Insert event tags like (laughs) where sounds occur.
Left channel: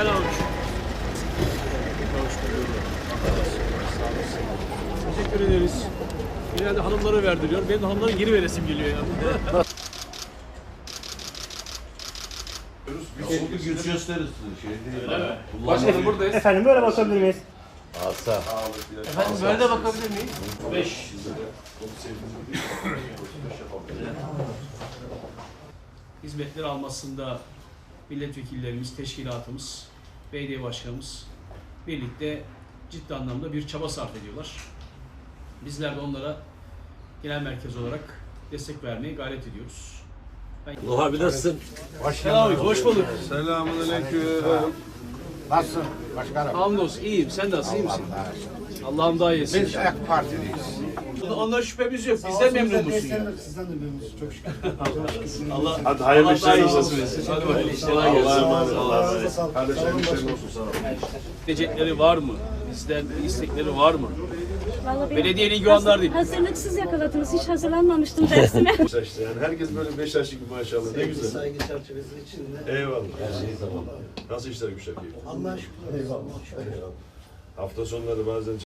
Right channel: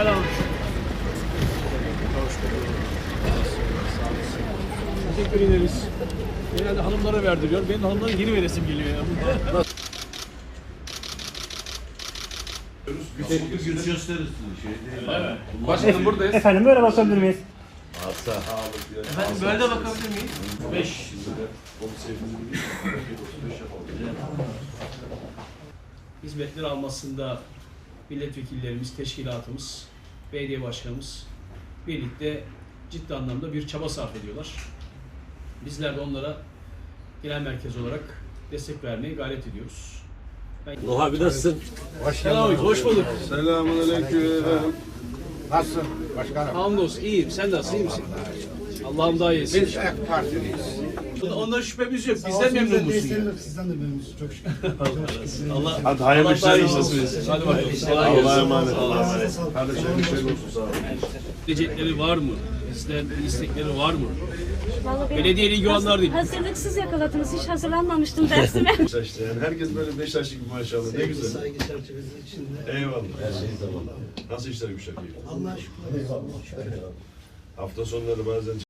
Selam. Teşekkür ederiz. Genelde hanımlara verdiriyor. Benim de hanımların geri veresim geliyor (laughs) ya. Biz de Efendim böyle bakabilir miyiz? Asla. Efendim böyle de bakabilir miyiz? Hizmetler almasında milletvekillerimiz, teşkilatımız, B.D. başkanımız birlikte ciddi anlamda bir çaba sarf ediyorlar. Bizler de onlara genel merkez olarak destek vermeye gayret ediyoruz. Nuh ben... abi nasılsın? Başkanım. abi, hoş bulduk. Selamun aleyküm. Nasılsın? Başkanım. Hamdolsun, iyiyim. Sen nasılsın? İyi misin? Allah Allah Allah'ım Allah'ım daha iyisi. Biz AK Parti'deyiz. Ondan şüphemiz yok. Biz de memnun musun? Sizden de memnunuz. Çok şükür. (laughs) Allah Hadi hayırlı Allah işler olsun. olsun. Hadi hayırlı işler olsun. Allah'a emanet olun. Allah'a emanet olun. Kardeşlerim hoş olsun. Allah, Allah, olsun. Allah Allah Allah sağ sağ olun. İstekleri var mı? Bizden istekleri var mı? Var mı? Belediye ilgi olanlar değil. Hazırlıksız yakaladınız. Hiç hazırlanmamıştım dersime. i̇şte yani herkes böyle beş yaşlık maşallah. Sevgi, ne güzel. saygı çerçevesi içinde. Eyvallah. Her şey tamam abi. Nasıl işler Gülşak Allah'a şükür. Eyvallah. Eyvallah. Hafta sonları bazen